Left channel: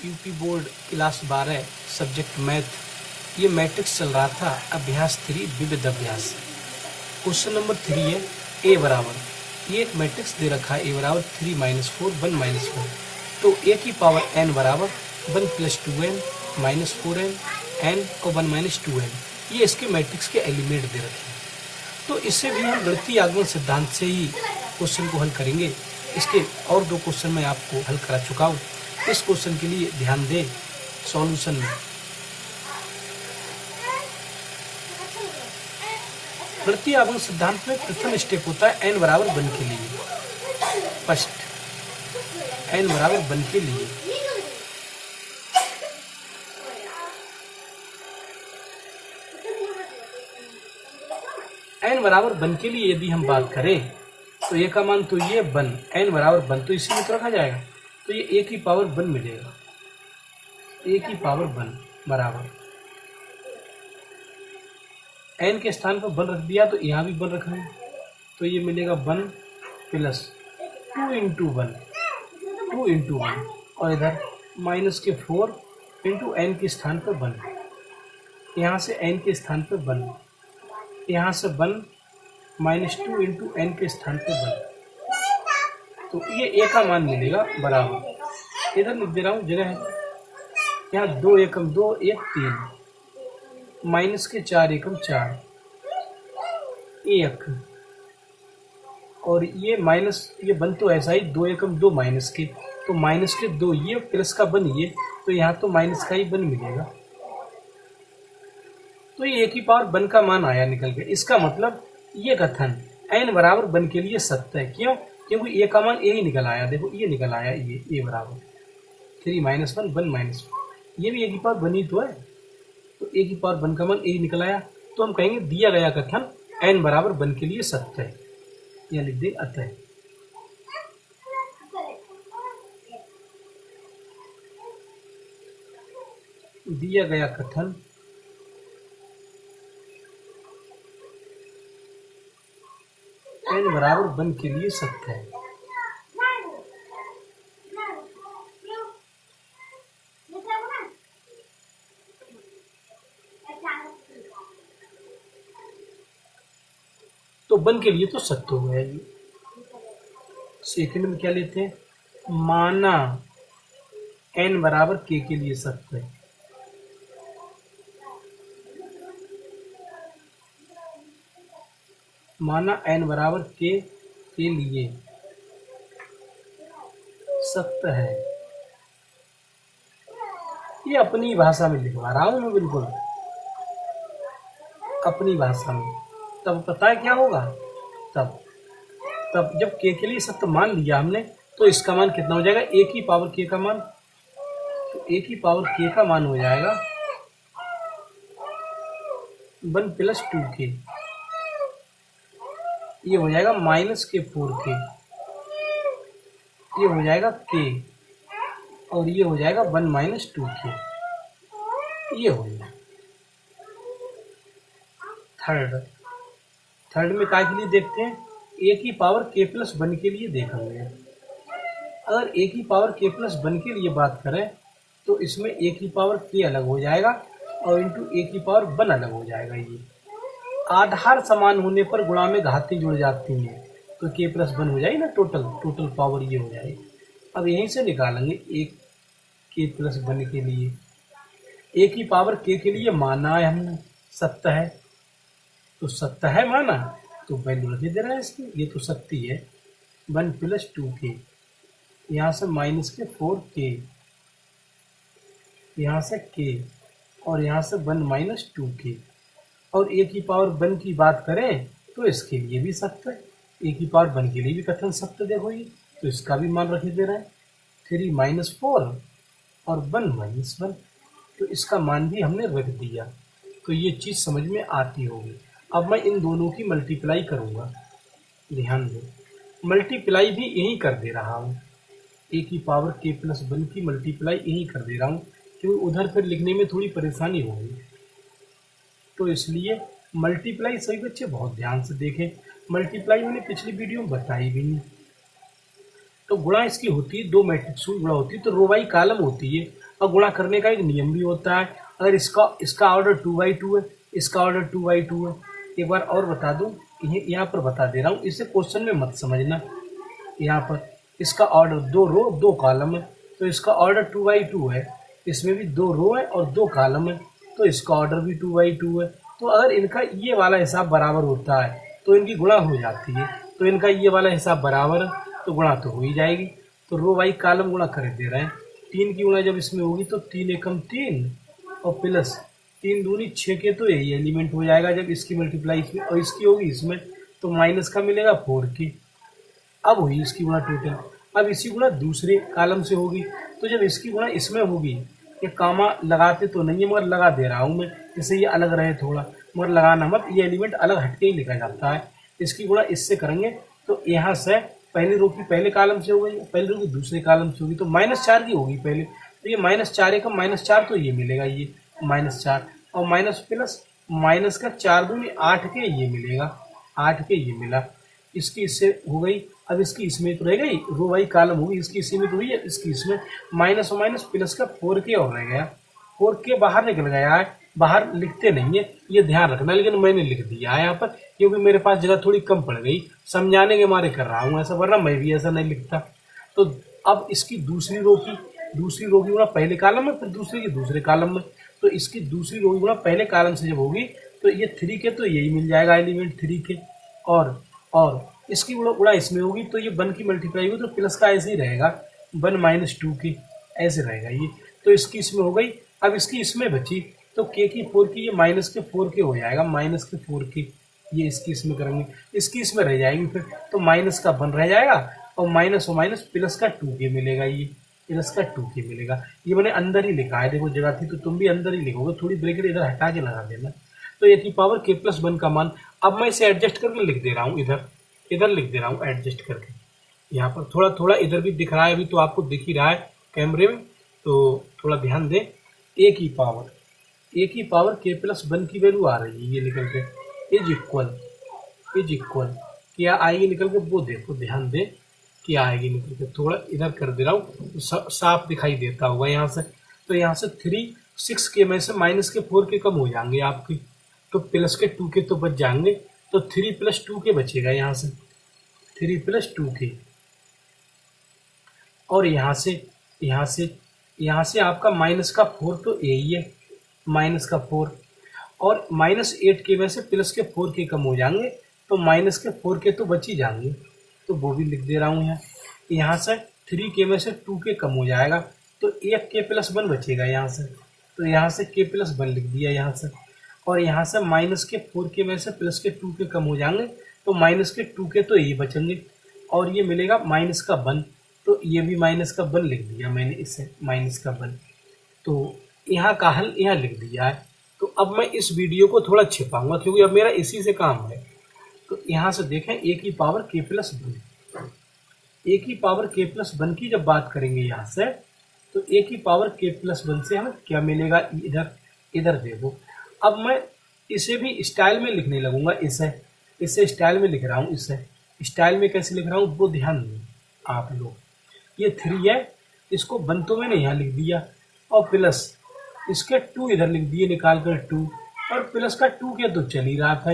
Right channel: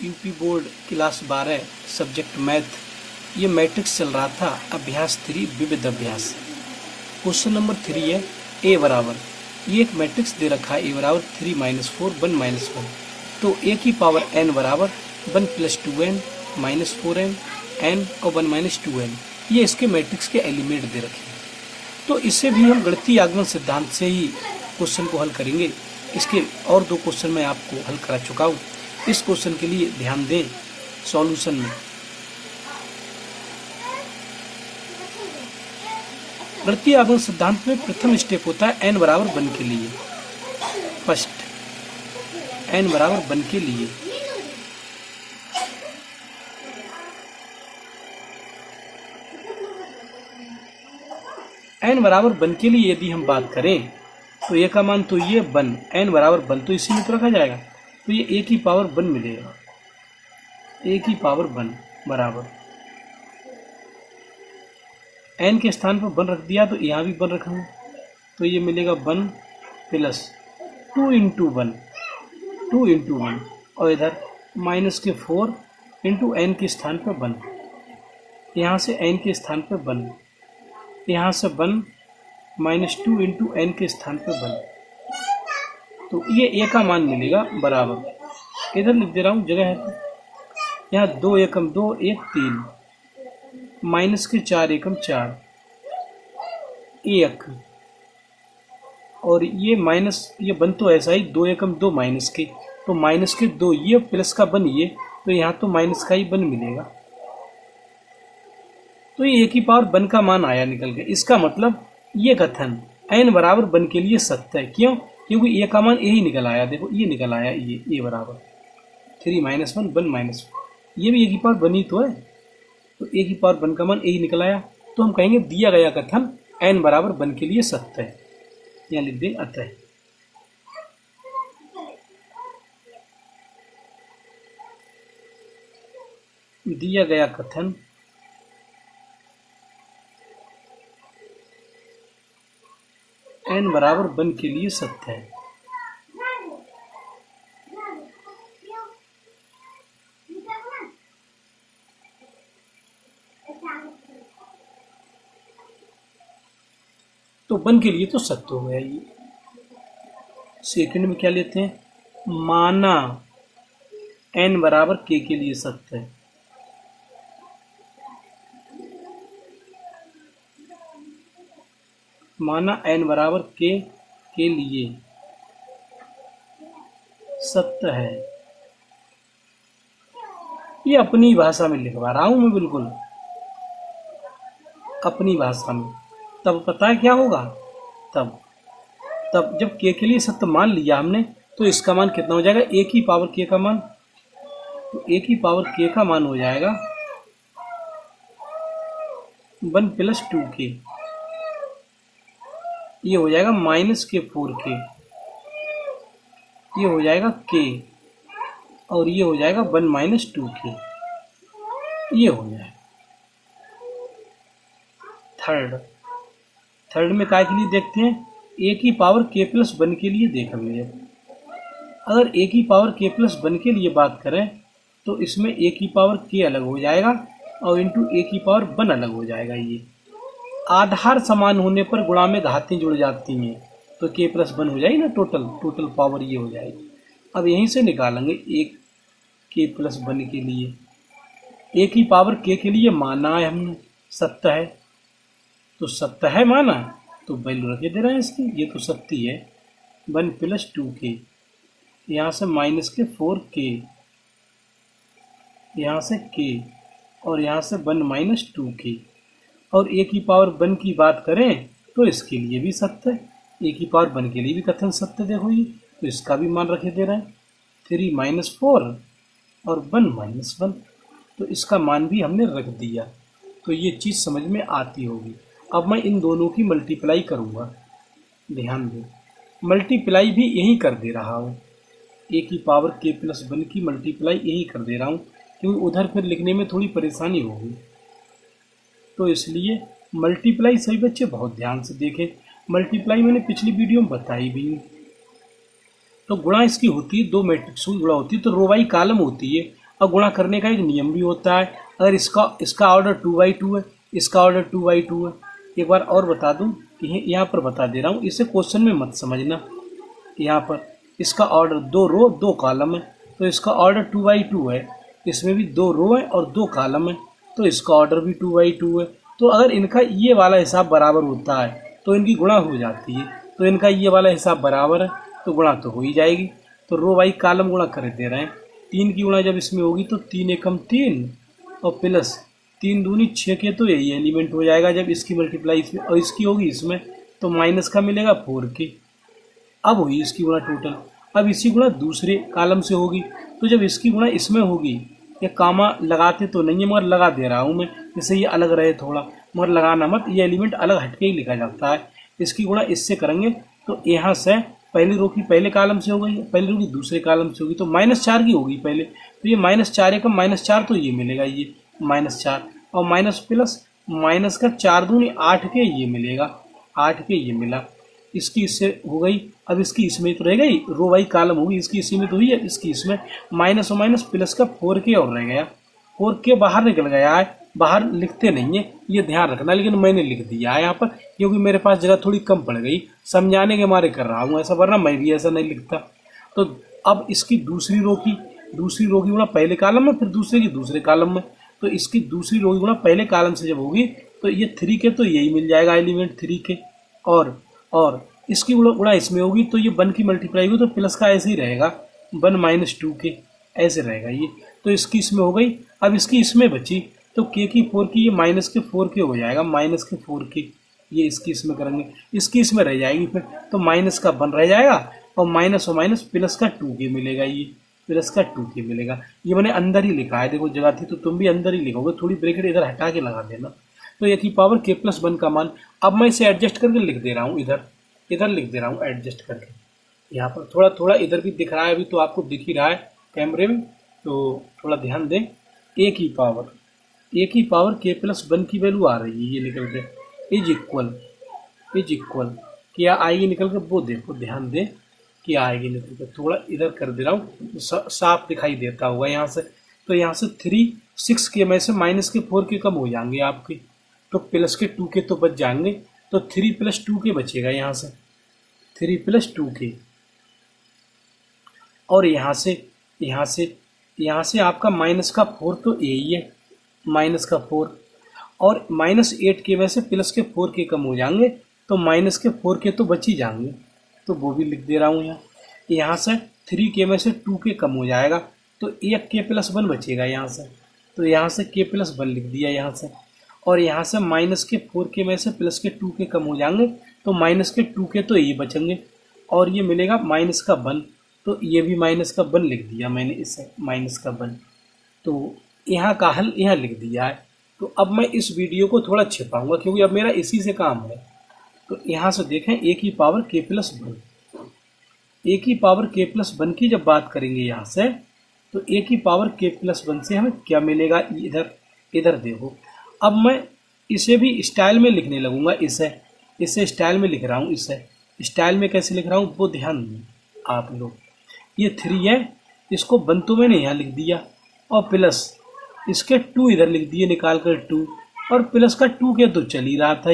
UP board class 12 subject math, ये matrix चल रहा था अभ्यास 3 विविध अभ्यास। क्वेश्चन नंबर 3 है ए बराबर, ये एक मैट्रिक्स दे रखा है ए बराबर 3 - 4 1 - 1, तो ए की पावर n बराबर 1 + 2n - 4n n और 1 - 2n, ये इसके मैट्रिक्स के एलिमेंट दे रखे हैं। तो इससे भी हम गणितीय आगमन सिद्धांत से ही क्वेश्चन को हल करेंगे। इसके और 2 क्वेश्चन मैं आपको हल करा चुका हूँ। इस क्वेश्चन के लिए ध्यान दें सॉल्यूशन में। गणितीय आगमन सिद्धांत में प्रथम स्टेप होता है n बराबर 1 के लिए। फर्स्ट n बराबर 1 के लिए n बराबर 1 के लिए यदि हम बात करें तो a का मान तो ये 1, n बराबर 1 तो इसी में तो रखा जाएगा, तो ये a की पावर 1 मिलेगा। a की पावर 1 बराबर n के स्थान पर 1 रख दिया तो यहाँ भी 1 रख रहे हैं, तो ये मिलेगा 1 + 2 × 1 2 × 1 और इधर -4 × n के स्थान पर 1, यहाँ से n के स्थान पर 1, यहाँ से 1 -2 × n के स्थान पर 1, तो ये a का मान मिलेगा बराबर, इधर लिख दे रहा हूँ जगह है, यहाँ 2 एकम 2 1 3 -4 एकम 4 1, और ये माइनस ये 1 तो ऐसा ही 2 एकम 2 माइनस के, तो माइनस के 2 ये प्लस का 1 ये, तो यहाँ तो माइनस का ही 1 मिलेगा, तो ये a की पावर 1 का मान आया निकल के। इसका मतलब ये कथन n बराबर 1 के लिए सत्य है। क्यों? क्योंकि a का मान a ही निकल आया। देखो ये निकल आया, ये a बराबर 3 - 1 1 -1, ये भी a की पावर 1 ही तो है, तो a की पावर 1 का मान a ही निकल आया। तो हम कहेंगे दिया गया कथन n बराबर 1 के लिए सत्य है। यहाँ लिख दें अतः। दिया गया कथन n बराबर 1 के लिए सत्य है। तो 1 के लिए तो सत्य हो गया ये। सेकंड में क्या लेते हैं, माना n बराबर k के लिए सत्य है। माना n बराबर k के लिए सत्य है। ये अपनी भाषा में लिखवा रहा हूं मैं, बिल्कुल अपनी भाषा में। तब पता है क्या होगा, तब जब k के लिए सत्य मान लिया हमने, तो इसका मान कितना हो जाएगा, a की पावर k का मान, तो a की पावर k का मान हो जाएगा 1 + 2k, ये हो जाएगा -4k, ये हो जाएगा k, और ये हो जाएगा 1 - 2k, ये हो जाएगा। थर्ड में काय के लिए देखते हैं, a की पावर k + 1 के लिए देख लेंगे। अगर a की पावर k + 1 के लिए बात करें तो इसमें a की पावर k अलग हो जाएगा और इंटू a की पावर 1 अलग हो जाएगा। ये आधार समान होने पर गुणा में घातें जुड़ जाती हैं, तो k + 1 हो जाएगी ना, टोटल पावर ये हो जाएगी। अब यहीं से निकालेंगे एक k + 1 के लिए, a की पावर k के लिए माना है हमने सत्य है, तो सत्य है माना, तो वैल्यू रखे दे रहे हैं इसकी, ये तो सत्य है। 1 + 2k, यहाँ से -4k, यहाँ से k, और यहाँ से 1 - 2k, और a की पावर 1 की बात करें तो इसके लिए भी सत्य है, a की पावर 1 के लिए भी कथन सत्य। देखो ये, तो इसका भी मान रखे दे रहे हैं 3 - 4 और 1 - 1, तो इसका मान भी हमने रख दिया। तो ये चीज़ समझ में आती होगी। अब मैं इन दोनों की मल्टीप्लाई करूँगा, ध्यान दो, मल्टीप्लाई भी यही कर दे रहा हूँ, a की पावर k + 1 की मल्टीप्लाई यही कर दे रहा हूँ, क्योंकि उधर फिर लिखने में थोड़ी परेशानी होगी, तो इसलिए मल्टीप्लाई सभी बच्चे बहुत ध्यान से देखें। मल्टीप्लाई मैंने पिछली वीडियो में बताई भी नहीं। तो गुणा इसकी होती है, 2 मैट्रिक्स की गुणा होती है, तो रो बाई कॉलम होती है। और गुणा करने का एक नियम भी होता है। अगर इसका ऑर्डर 2/2 है, इसका ऑर्डर 2/2 है। एक बार और बता दूं कि यहाँ पर बता दे रहा हूँ, इसे क्वेश्चन में मत समझना। यहाँ पर इसका ऑर्डर 2 रो 2 कॉलम है, तो इसका ऑर्डर 2/2 है। इसमें भी 2 रो है और 2 कॉलम है, तो इसका ऑर्डर भी 2/2 है। तो अगर इनका ये वाला हिसाब बराबर होता है तो इनकी गुणा हो जाती है। तो इनका ये वाला हिसाब बराबर है तो गुणा तो हो ही जाएगी। तो रो बाई कॉलम गुणा कर दे रहे हैं। 3 की गुणा जब इसमें होगी तो 3 एकम 3 और प्लस 3 दूनी 6 के, तो यही एलिमेंट हो जाएगा। जब इसकी मल्टीप्लाई इसमें और इसकी होगी इसमें तो माइनस का मिलेगा 4 के। अब हुई इसकी गुणा टोटल। अब इसी गुणा दूसरे कॉलम से होगी, तो जब इसकी गुणा इसमें होगी, ये कामा लगाते तो नहीं है मगर लगा दे रहा हूँ मैं, जिससे ये अलग रहे थोड़ा, मगर लगाना मत, ये एलिमेंट अलग हटके ही लिखा जाता है। इसकी गुणा इससे करेंगे तो यहाँ से पहली रो की पहले कॉलम से हो गई, पहली रो की दूसरे कॉलम से होगी, तो -4 की होगी पहले। तो ये -4 एकम -4, तो ये मिलेगा ये -4 और माइनस प्लस माइनस का 4 दूनी 8 के, ये मिलेगा 8 के, ये मिला। इसकी इससे हो गई। अब इसकी इसमें तो रह गई, रो बाई कॉलम होगी, इसकी इसी में तो हुई है, इसकी इसमें माइनस और माइनस प्लस का 4 के और रह गया। 4 के बाहर निकल गया है, बाहर लिखते नहीं है, ये ध्यान रखना, लेकिन मैंने लिख दिया है यहाँ पर क्योंकि मेरे पास जगह थोड़ी कम पड़ गई, समझाने के मारे कर रहा हूँ ऐसा, वरना मैं भी ऐसा नहीं लिखता। तो अब इसकी दूसरी रो की गुणा पहले कॉलम में, फिर दूसरे की दूसरे कॉलम में, तो इसकी दूसरी रो की गुणा पहले कॉलम से जब होगी तो ये 3 के, तो यही मिल जाएगा एलिमेंट 3 के। और इसकी गुणा इसमें होगी तो ये 1 की मल्टीप्लाई होगी, तो प्लस का ऐसे ही रहेगा 1 - 2 के, ऐसे रहेगा ये। तो इसकी इसमें हो गई। अब इसकी इसमें बची तो के की 4 की, ये -4 के हो जाएगा, -4 के, ये इसकी इसमें करेंगे, इसकी इसमें रह जाएगी फिर, तो माइनस का 1 रह जाएगा और माइनस प्लस का 2 के मिलेगा, ये प्लस का 2 के मिलेगा। ये मैंने अंदर ही लिखा है, देखो जगह थी तो तुम भी अंदर ही लिखोगे, थोड़ी ब्रैकेट इधर हटा के लगा देना। तो ये थी पावर k+1 का मान। अब मैं इसे एडजस्ट करके लिख दे रहा हूँ, इधर लिख दे रहा हूँ एडजस्ट करके। यहाँ पर थोड़ा थोड़ा इधर भी दिख रहा है, अभी तो आपको दिख ही रहा है कैमरे में, तो थोड़ा ध्यान दें। a की पावर k+1 की वैल्यू आ रही है, ये निकल के इज इक्वल क्या आएगी निकल के, वो देखो ध्यान दें क्या आएगी निकल के। थोड़ा इधर कर दे रहा हूँ, साफ दिखाई देता हुआ यहाँ से। तो यहाँ से 3 6 के में से -4 के कम हो जाएंगे आपकी, तो प्लस के 2 के तो बच जाएंगे, तो 3 + 2 के बचेगा यहाँ से, 3 + 2 के। और यहाँ से आपका -4 तो यही है, -4 और -8 के में से प्लस के 4 के कम हो जाएंगे, तो -4 के तो बच ही जाएंगे, तो वो भी लिख दे रहा हूँ यहाँ। यहाँ से 3 के में से 2 के कम हो जाएगा, तो 1 k+1 बचेगा यहाँ से, तो यहाँ से k+1 लिख दिया यहाँ से। और यहाँ से -4 के में से प्लस के 2 के कम हो जाएंगे, तो -2 के तो यही बचेंगे, और ये मिलेगा -1, तो ये भी -1 लिख दिया मैंने इसे, -1। तो यहाँ का हल यहाँ लिख दिया है। तो अब मैं इस वीडियो को थोड़ा छिपाऊंगा क्योंकि अब मेरा इसी से काम है। तो यहाँ से देखें a की पावर k+1 की जब बात करेंगे यहाँ से, तो a की पावर k+1 से हमें क्या मिलेगा, इधर देखो। अब मैं इसे भी स्टाइल में लिखने लगूंगा, इसे स्टाइल में लिख रहा हूँ। इसे स्टाइल में कैसे लिख रहा हूँ वो ध्यान दें आप लोग। ये 3 है, इसको 1 तो मैंने यहाँ लिख दिया, और प्लस इसके 2 इधर लिख दिए निकाल कर 2, और प्लस का 2 के तो चल ही रहा था,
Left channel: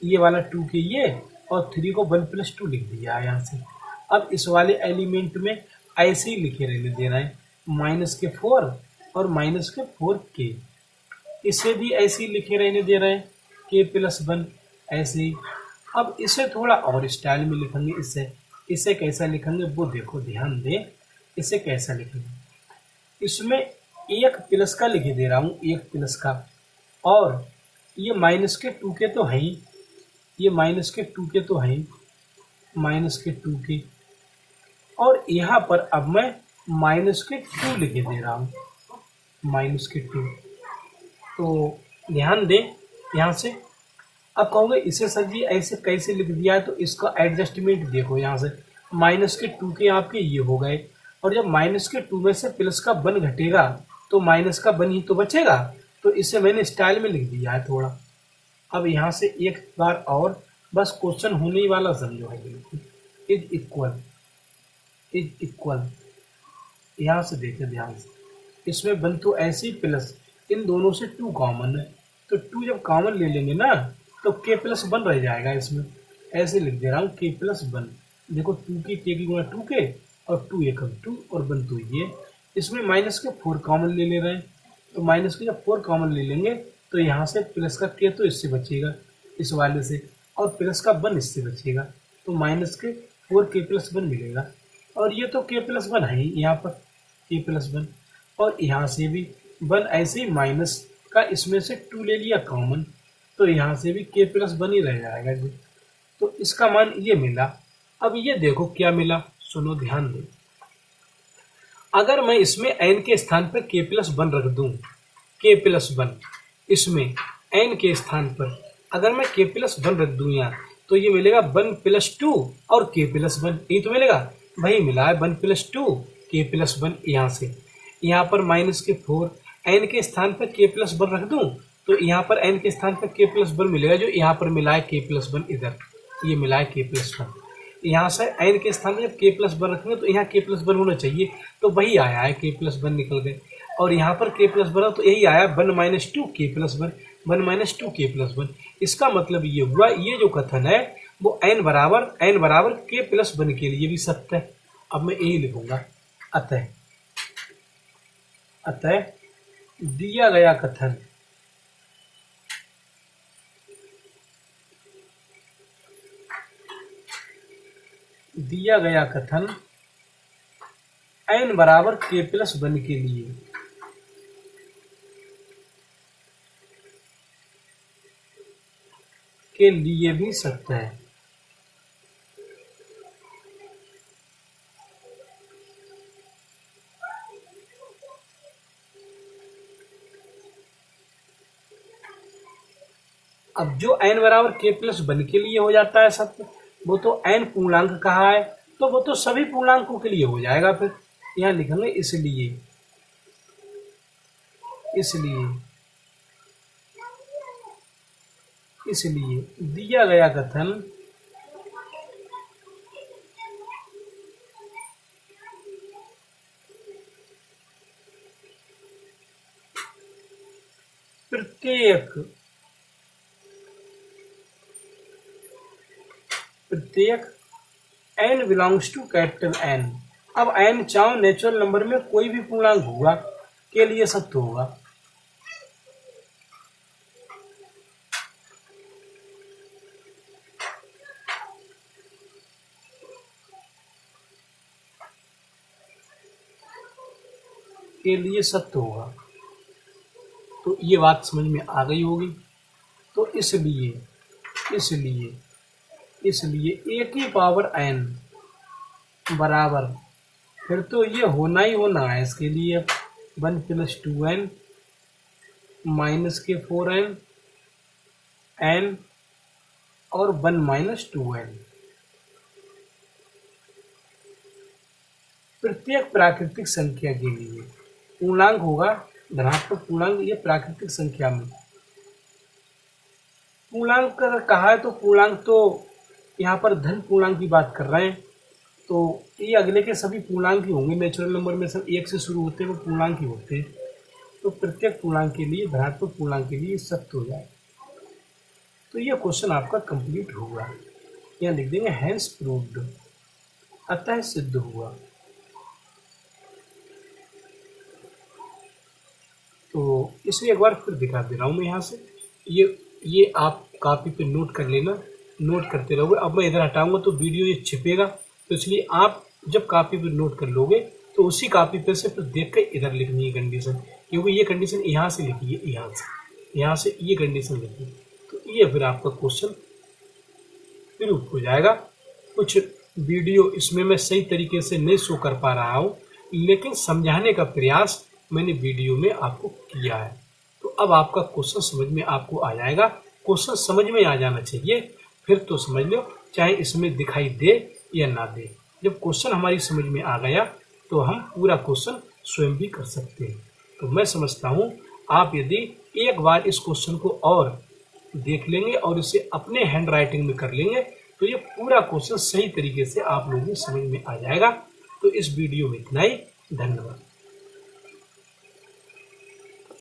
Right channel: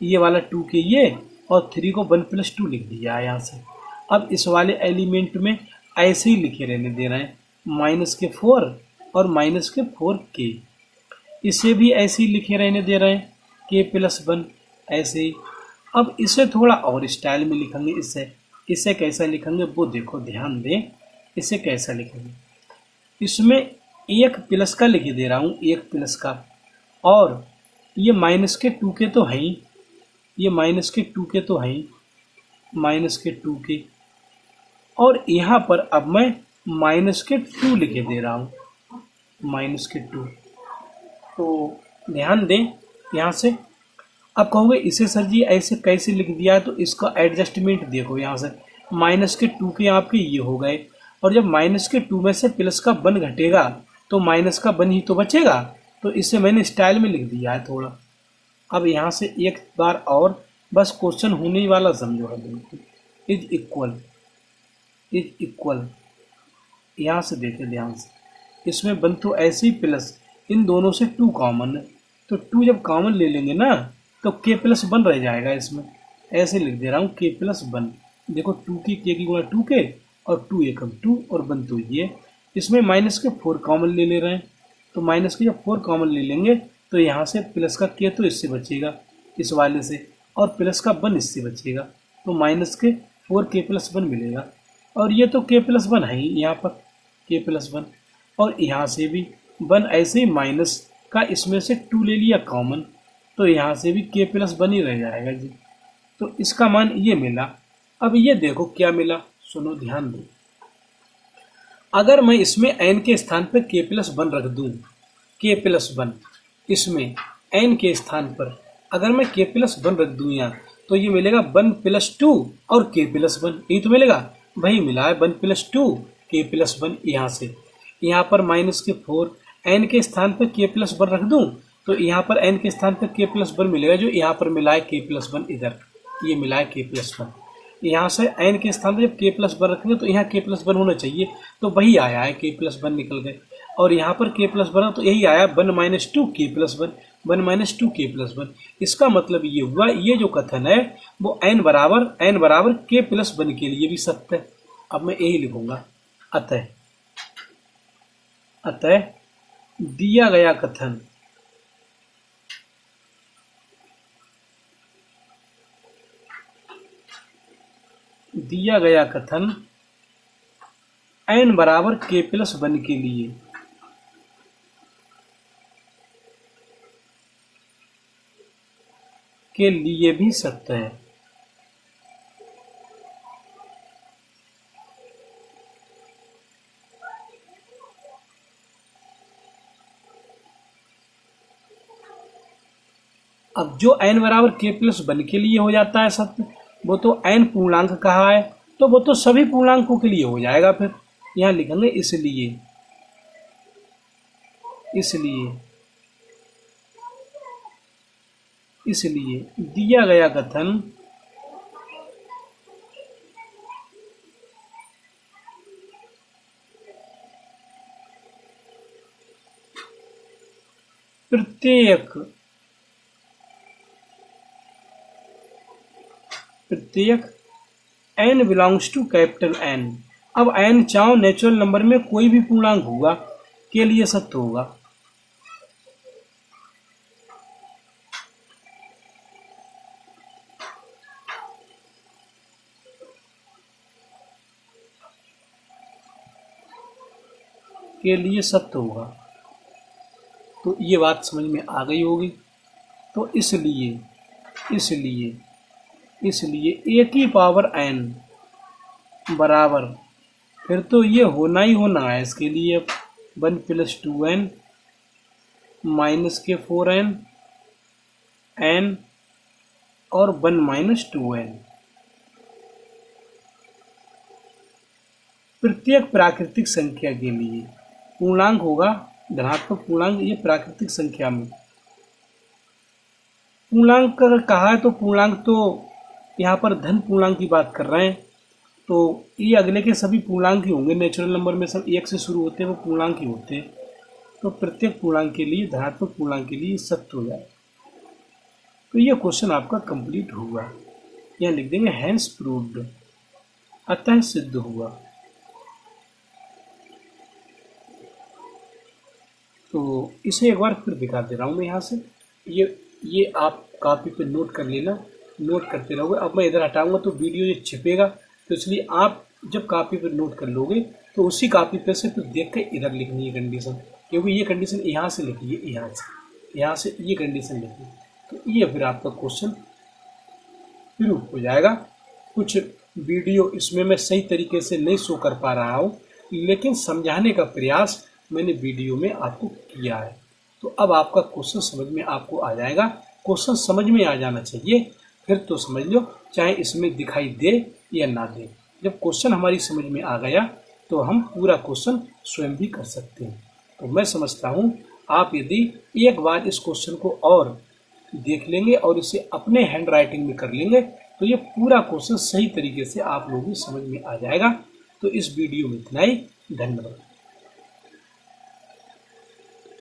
ये वाला 2 के ये, और 3 को 1 + 2 लिख दिया है यहाँ से। अब इस वाले एलिमेंट में ऐसे ही लिखे रहने दे रहे हैं, -4 और -4 के, इसे भी ऐसे ही लिखे रहने दे रहे हैं k+1 ऐसे ही। अब इसे थोड़ा और स्टाइल में लिखेंगे, इसे कैसा लिखेंगे वो देखो ध्यान दें। इसे कैसा लिखेंगे, इसमें 1 प्लस का लिखे दे रहा हूँ, 1 प्लस का, और ये -2 के तो है ही, ये -2 के तो है ही, -2 के, और यहाँ पर अब मैं -2 लिखे दे रहा हूँ, -2। तो ध्यान दें यहाँ से। अब कहोगे इसे सर जी ऐसे कैसे लिख दिया है, तो इसका एडजस्टमेंट देखो। यहाँ से -2 के आपके ये हो गए, और जब -2 में से प्लस का 1 घटेगा तो -1 ही तो बचेगा, तो इसे मैंने स्टाइल में लिख दिया है थोड़ा। अब यहाँ से एक बार और बस क्वेश्चन होने ही वाला समझो है बिल्कुल, इज इक्वल। यहाँ से देखें ध्यान से, इसमें बन तो ऐसे ही प्लस, इन दोनों से 2 कॉमन है, तो 2 जब कॉमन ले लेंगे ना तो k+1 रह जाएगा। इसमें ऐसे लिख दे रहा हूँ k+1। देखो 2 की k की गुणा 2k और 2 एकम 2 और 1 तो ये। इसमें माइनस के 4 कॉमन ले रहे हैं, तो माइनस के जब 4 कॉमन ले लेंगे तो यहाँ से प्लस का k तो इससे बचेगा इस वाले से, और प्लस का 1 इससे बचेगा, तो माइनस के 4k+1 मिलेगा। और ये तो k+1 है ही यहाँ पर k+1, और यहाँ से भी 1 ऐसे ही माइनस का इसमें से 2 ले लिया कॉमन, तो यहाँ से भी k+1 ही रह जाएगा जी। तो इसका मान ये मिला। अब ये देखो क्या मिला, सुनो ध्यान दो। अगर मैं इसमें n के स्थान पर k+1 रख दूं, k+1 इसमें n के स्थान पर अगर मैं k+1 रख दूं यहाँ, तो ये मिलेगा 1+2 और k+1, यही तो मिलेगा भाई, मिला है 1+2 k+1। यहाँ से यहाँ पर माइनस के 4, n के स्थान पर k+1 रख दूं तो यहाँ पर n के स्थान पर k+1 मिलेगा, जो यहाँ पर मिला है k+1, इधर ये मिला है k+1। यहाँ से n के स्थान पर जब k+1 रखेंगे तो यहाँ k+1 होना चाहिए, तो वही आया है k+1 निकल गए, और यहाँ पर k+1 तो यही आया 1-2 k+1, 1-2 k+1। इसका मतलब ये हुआ, ये जो कथन है वो n बराबर k+1 के लिए भी सत्य है। अब मैं यही लिखूंगा, अतः दिया गया कथन n बराबर k+1 के लिए भी सत्य है। अब जो n बराबर k+1 के लिए हो जाता है सत्य, वो तो n पूर्णांक कहा है, तो वो तो सभी पूर्णांकों के लिए हो जाएगा। फिर यहाँ लिखेंगे इसलिए दिया गया कथन प्रत्येक n belongs to capital N। अब n चाहो नेचुरल नंबर में कोई भी पूर्णांक हुआ के लिए सत्य होगा। तो ये बात समझ में आ गई होगी। तो इसलिए a की पावर n बराबर, फिर तो ये होना ही होना है इसके लिए 1+2n माइनस के 4n n और 1-2n। प्रत्येक प्राकृतिक संख्या के लिए पूर्णांक होगा धनात्मक पूर्णांक। ये प्राकृतिक संख्या में पूर्णांक कहा है, तो पूर्णांक तो यहाँ पर धन पूर्णांक की बात कर रहे हैं, तो ये अगले के सभी पूर्णांक ही होंगे। नेचुरल नंबर में सब 1 से शुरू होते हैं, वो पूर्णांक ही होते हैं। तो प्रत्येक पूर्णांक के लिए, धनात्मक पूर्णांक के लिए सत्य हो जाए। तो ये क्वेश्चन आपका कंप्लीट हुआ। यहाँ लिख देंगे हैंस प्रूव्ड, अतः सिद्ध हुआ। तो इसे एक बार फिर दिखा दे रहा हूँ मैं यहाँ से। ये आप कॉपी पे नोट कर लेना, नोट करते रहोगे। अब मैं इधर हटाऊंगा तो वीडियो ये छिपेगा, तो इसलिए आप जब कॉपी पे नोट कर लोगे तो उसी कॉपी पे से फिर देख के इधर लिखनी है कंडीशन, क्योंकि ये कंडीशन यहाँ से लिखी है, यहाँ से ये कंडीशन लिखी है। तो ये फिर आपका क्वेश्चन प्रूव हो जाएगा। कुछ वीडियो इसमें मैं सही तरीके से नहीं शो कर पा रहा हूँ, लेकिन समझाने का प्रयास मैंने वीडियो में आपको किया है। तो अब आपका क्वेश्चन समझ में आपको आ जाएगा। क्वेश्चन समझ में आ जाना चाहिए, फिर तो समझ लो, चाहे इसमें दिखाई दे या ना दे। जब क्वेश्चन हमारी समझ में आ गया तो हम पूरा क्वेश्चन स्वयं भी कर सकते हैं। तो मैं समझता हूँ आप यदि एक बार इस क्वेश्चन को और देख लेंगे और इसे अपने हैंड राइटिंग में कर लेंगे तो ये पूरा क्वेश्चन सही तरीके से आप लोगों को समझ में आ जाएगा। तो इस वीडियो में इतना ही। धन्यवाद।